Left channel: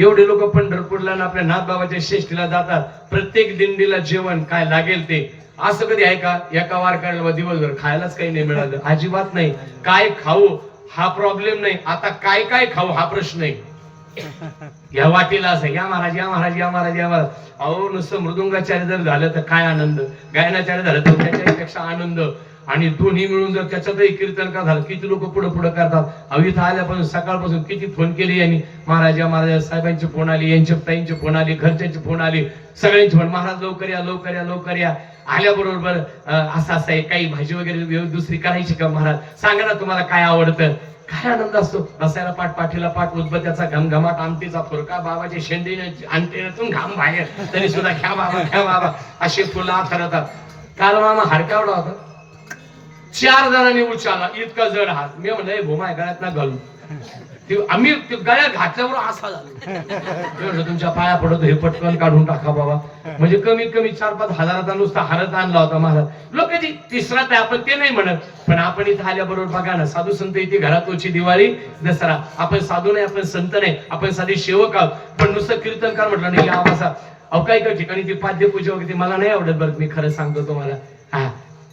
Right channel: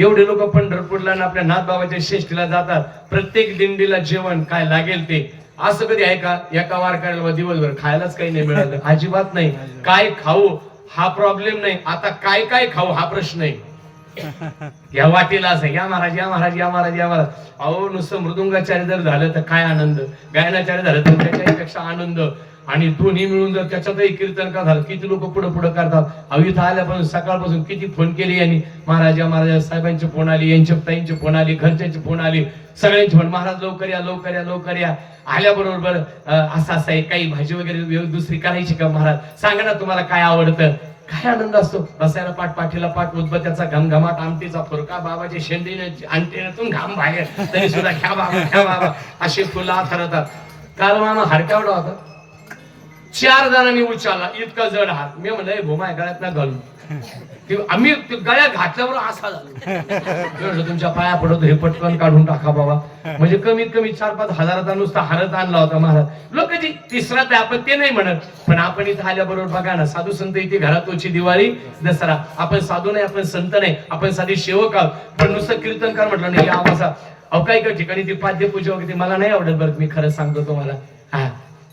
एवढे लोक पंढरपूरला आणि आपल्या नाथबाबाच्या श्रेष्ठीला जातात. प्रत्येक दिंडीला जेवण काय लागेल ते? असं कधी आहे का? एका वारकऱ्याला दिवसभर खायलाच काही नाही मिळालं. अजिबात नाही. काय खाऊ? हा प्रॉब्लेम नाही. आता काय काय खाऊ? हा प्रश्न आहे. या वाटेला असं या महाराज या महाराज या महाराज या महाराज. अहो नुसतं मृदुंगाचार्य जर झालं तर काय आनंद? गायनाचार्य झालं तर त्याच्यापेक्षा आनंद. आणि दोन्ही मिळून जर त्याच्यातही कीर्तन का झालं किती लोक पुढे पुढे करतात अविथ इथं आल्यापासून सकाळपासून किती फोन केले यांनी? महाराजा महाराजा साहेबांचे फोन आले यांचे ताईंचे फोन आले घरच्यांचे फोन आले. सगळ्यांचे फोन महाराज लवकर या लवकर या लवकर या. आल्याबरोबर असं असं आहे काही भाजी वगैरे दुसरी करायची का महाराज? सांगा ना तुम्हाला काय आवडतं. काय आनंद असतो? बसायला पाठ पाठीला पाठ उद्बत्याचा घमघमाट आमटीचा फुरका बाबाचे शेंदे अंटेनातून घाम बाहेर. तरी सुद्धा ह्या बाबा ह्या बाबा. असे फुला ठरवतात काल मामा हाडका होता. चार जणांनी उचलला. इतका जड हात. मी म्हणलं भोमाय गळ्यात ना घालू. आम्ही गळ्यात घातल्यावर असा झाला. तुमच्या पाया पडतो हे पटकन काढून टाका बाबा. म्हणजे कमीत कमी चार पाच हजाराचा नुसता हरत आणला होता महाराज. लोक जी तिसरा ते आपण ते नाही म्हणत. पण आपण इथं आल्याबरोबर बघा ना साधू संत इथे घरातोची दिवाळी दसरा. आपण साधू नाही आपण संत नाही. आपण साधे सेवक आहोत. पण नुसतं कीर्तनकार म्हटलं नाही आवासा अहो काही काही ठिकाणी ती पाद्यपूजा वगैरे मला नाही आवडत बरं मी खरं सांगतो तुम्हाला. हा.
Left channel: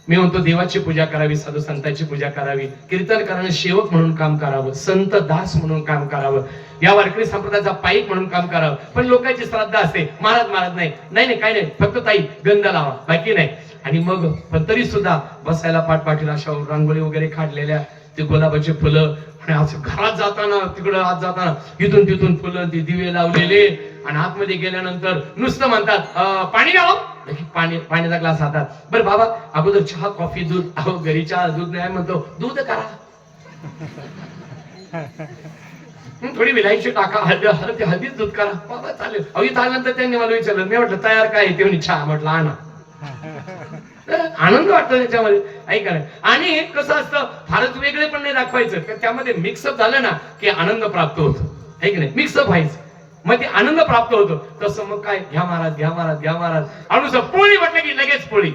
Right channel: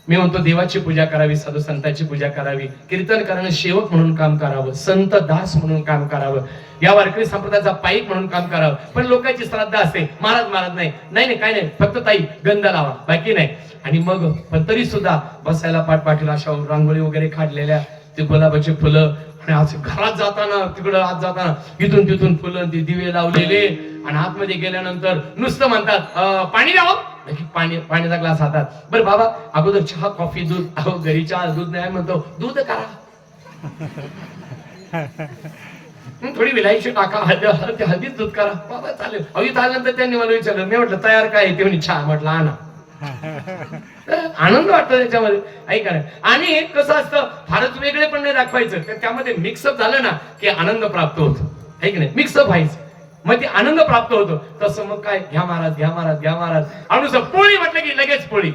मी म्हणतो देवाची पूजा करावी साधू संतांची पूजा करावी कीर्तन करणं सेवक म्हणून काम करावं संत दास म्हणून काम करावं या वारकरी संप्रदायाचा पाईक म्हणून काम करावं. पण लोकांची श्रद्धा असते. महाराज महाराज नाही. नाही नाही काय नाही. फक्त ताई गंध लावा. बाकी नाही. आणि मग पण तरी सुद्धा बसायला पाठपाठीला अशा रांगोळी वगैरे काढलेल्या ते गुलाबाची फुलं आणि असं घरात जाताना तिकडं आत जाताना इथून तिथून फुलं ते दिवे लावलेले आणि आतमध्ये गेल्यानंतर नुसतं म्हणतात पाणी द्यावं? लगेच पाणी पाण्याचा ग्लास हातात. बरं बाबा अगोदर चहा कॉफी दूध. अहो घरी चहा दूध नाही म्हणतो. दूध करा. थोडी विलायची टाका. हळदी हळदीच दूध करा. बाबा चालेल. अहो इथं आल्यानंतर त्यांनी मला विचारलं. मी म्हटलं तयार काय ते म्हणे चहा. म्हटलं आणा. आनंद वाटतो त्याच्यामध्ये. ऐका ना. आणि कसं असतं फारच वेगळे पण नाही दाखवायचं. तर त्यामध्ये मिक्सअप झालं ना की आनंद प्राप्त होतो. ऐक नाही? मिक्सअप व्हायचं. मग ते आनंद प्राप्त होतो. तसं मग काय? घ्या महाराज घ्या महाराज घ्या महाराज. अनुस पोळी म्हटलं की लगेच पोळी.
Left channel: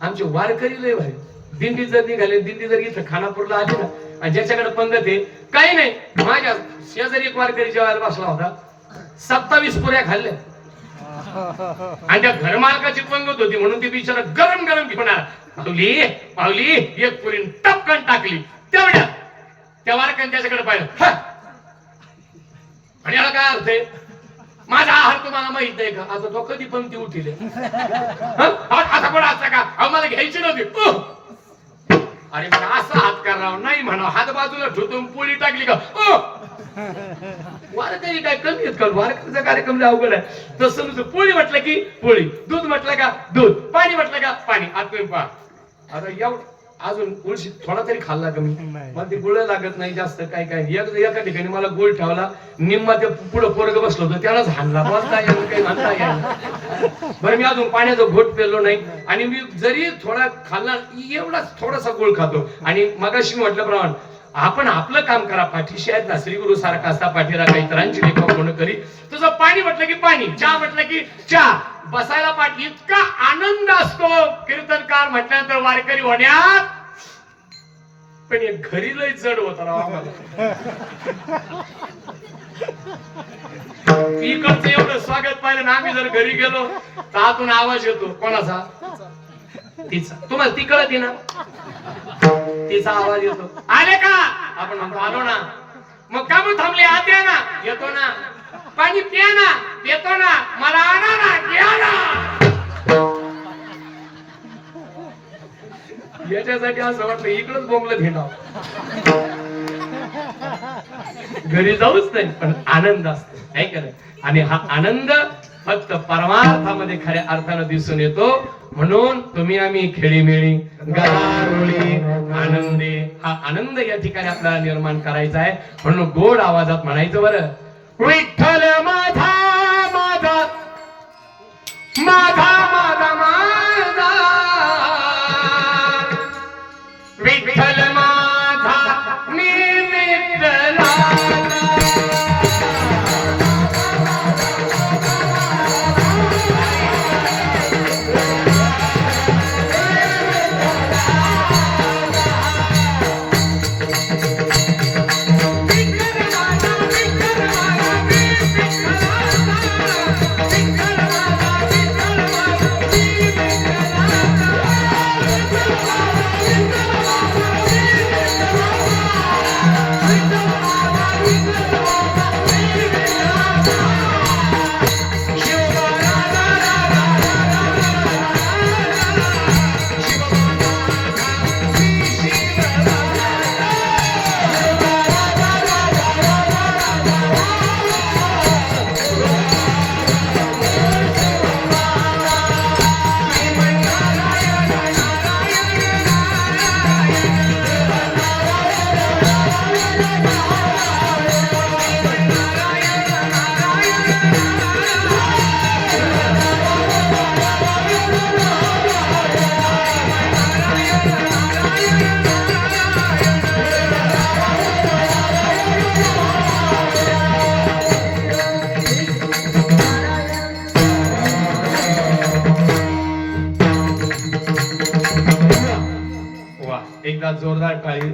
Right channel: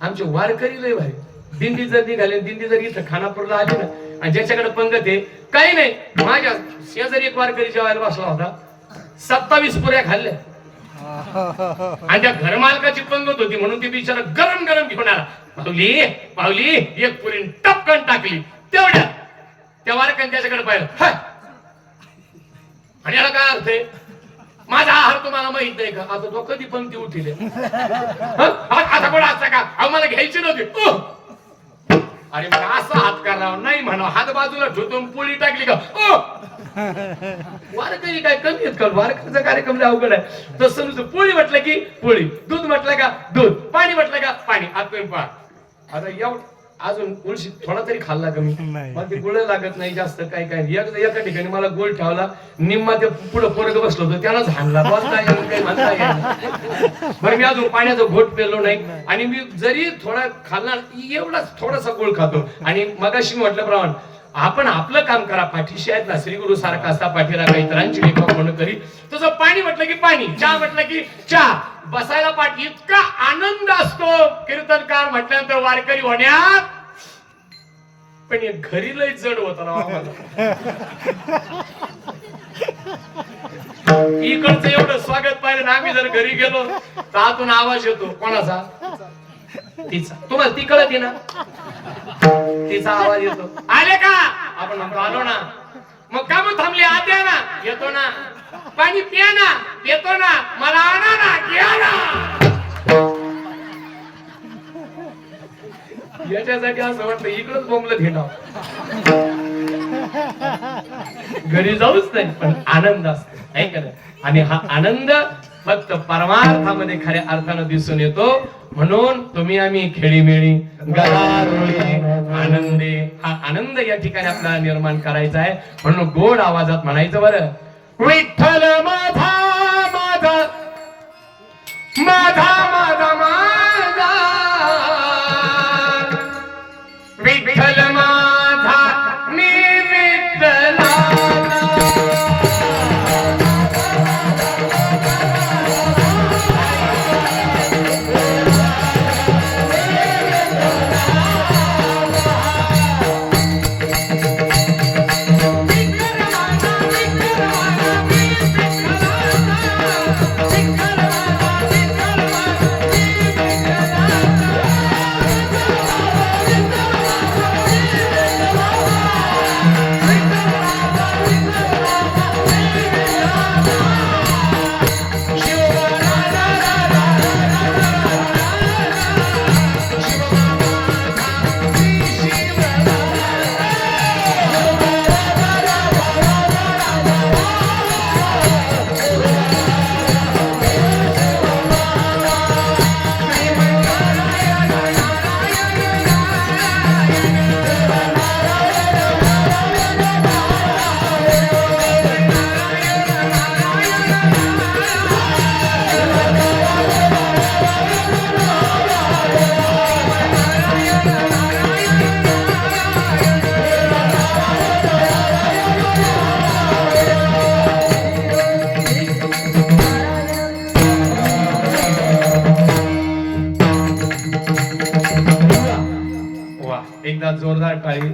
आमचे वारकरी लय भारी. दिंडी जर निघाले दिंडी जर इथं खानापूरला आली ना आणि ज्याच्याकडे पंगत आहे काही नाही. माझ्या शेजारी एक वारकरी जेवायला बसला होता. सत्तावीस पुऱ्या खाल्ल्या. आणि त्या घरमालकाची पंगत होती म्हणून ती बिचारा गरम गरम घेऊन आला. पावली पावली एक पुरी टपकन टाकली. तेवढ्या. त्या वारकाने त्याच्याकडे पाहिलं. आणि याला काय अर्थ आहे? माझा आहार तुम्हाला माहीत नाही का? आता तो कधी पंक्ती उठील. आता कोण असता का? अहो मला घ्यायची नव्हती. अरे मग असा हात करावा नाही म्हणा हात बाजूला ठेवतो पोळी टाकली का? उह. वारकरी काय कमी आहेत का? वारकरीचा कार्यक्रम जे अवघड आहे. तसं नुसतं पोळी म्हटलं की पोळी दूध म्हटलं का दूध पाणी म्हटलं का पाणी. आत पा आता एवढं अजून गुळशी थोडा तरी खाल्ला कमी. मला ते गुळ लागत नाही जास्त काय काय. एक- एका ठिकाणी मला गोळ ठेवला. निम्मा ते पुढं पोरग बसलो होतो. त्यालाच हाणला. बोलता येईल काही म्हणता येईल. बरं मी अजून पाण्याचा घोट पेलो नाही. आणि मी जरी थोडा खाल्ला एवढाच थोडासा गोळ खातो. आणि मगाशी म्हटल्याप्रमाणे आपण आपलं काम करा. पाठीशी आहेत ना श्री गुरु सारखा असा पाठीला काही इतरांची लेखा कोण करी तसं पाणी म्हटलं की पाणी चहा म्हटलं की चहा. बसायला पाठ इतका आनंद असतो. कीर्तनकार म्हटल्यानंतर वारकरी होण्यात पण हे घरी लय जड होत इकडचं एवढं स्वागत पाहिलं ना आम्ही जर घरी गेलो तर आतून आवाज येतो. कोणाचा? तिचा. तुम्हाला ती कळत ना? तिचा आवाज येतो. आले का? आपण म्हणतो आलो ना. मग का मग थांबले आत या ना. येतो ना. पाणी पिया ना. येतो ना. मला आणा ना. घ्या ना. याच्यासाठी असं वाटलं इकडंच बोंबलं घेणार घरी जाऊच नाही पण आनंद असतो ऐक का नाही? आणि हा आनंद फक्त परमार्थामध्ये खऱ्या अर्थानं दिसून येतो. म्हणून तुम्ही आम्ही खेळीमेळी गारोळी आनंदी हा आनंद या ठिकाणी आपल्याला निर्माण करायचा आहे. म्हणून गोड आवाजात म्हणायचं बरं विठ्ठल माझा माझा माझा माझा टाळी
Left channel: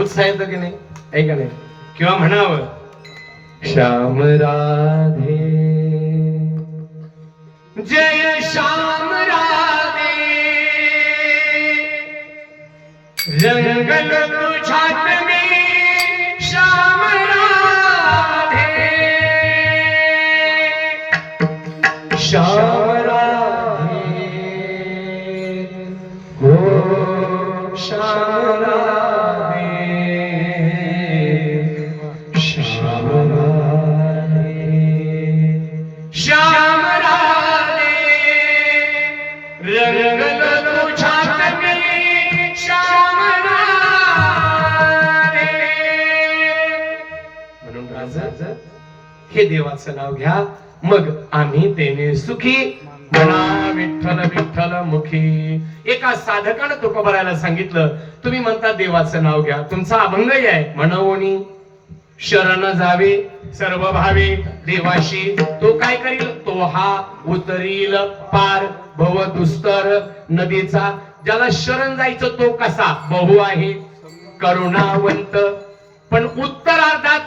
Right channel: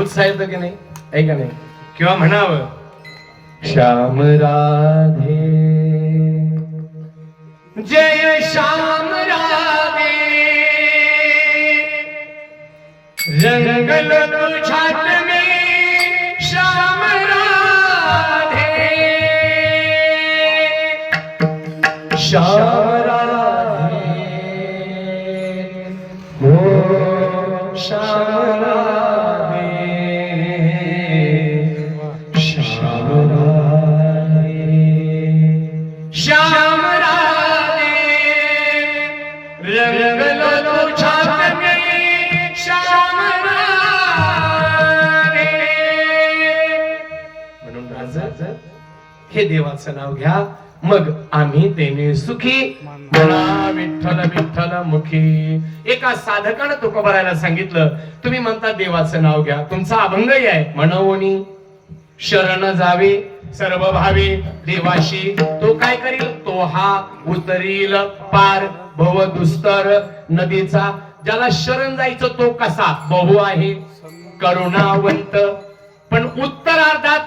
उत्साह येतो की नाही? आहे का नाही? किंवा म्हणावं? श्याम राधे. जय श्याम राधे. रंगल तुझ्यात हे देवाचं नाव घ्या. मग आम्ही देणे सुखी. म्हणा विठ्ठल विठ्ठल मुखी. एका साधकानं तुकोबारायला सांगितलं तुम्ही म्हणता देवाचं नाव घ्या. तुमचा अभंगही आहे. म्हणवणी शरण जावे सर्व भावे देवाशी. तो काय करील? तो हा उतरील पार भव दुस्तर नदीचा. ज्याला शरण जायचं तो कसा? बहु आहे करुणावंत. पण उत्तरार्धात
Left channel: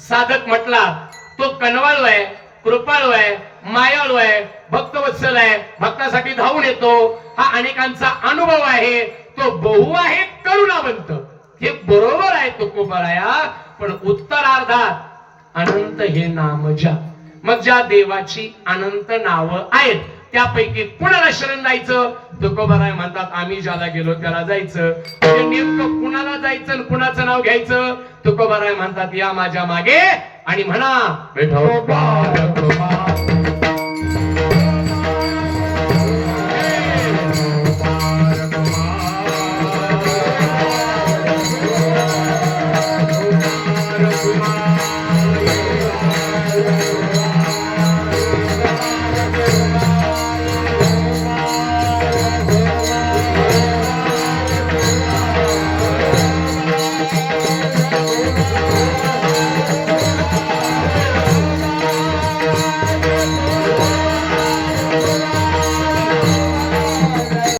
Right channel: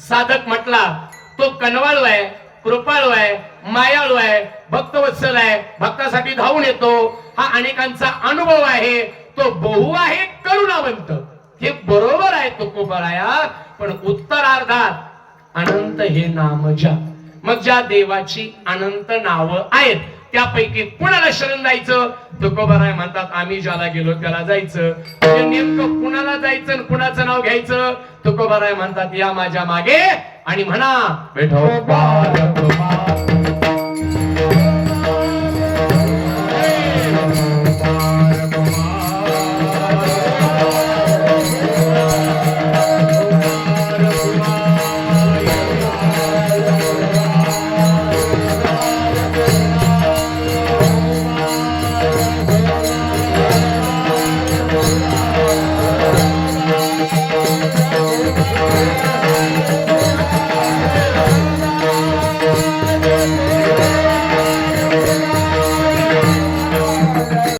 साधक म्हटला तो कनवाळू आहे कृपाळू आहे मायाळू आहे भक्तवत्सल आहे भक्तासाठी धावून येतो. हा अनेकांचा अनुभव आहे. तो बहु आहे करुणावंत. हे बरोबर आहे तो कोपराया पण उत्तरार्धात अनंत हे नाम ज्या. मग ज्या देवाची अनंत नावं आहेत त्यापैकी कुणाला शरण जायचं तुकोबाराय म्हणतात आम्ही ज्याला गेलो त्याला जायचं. म्हणजे नेमकं कुणाला जायचं आणि कुणाचं नाव घ्यायचं? तुकोबाराय म्हणतात या माझ्या मागे आणि म्हणा विठोबा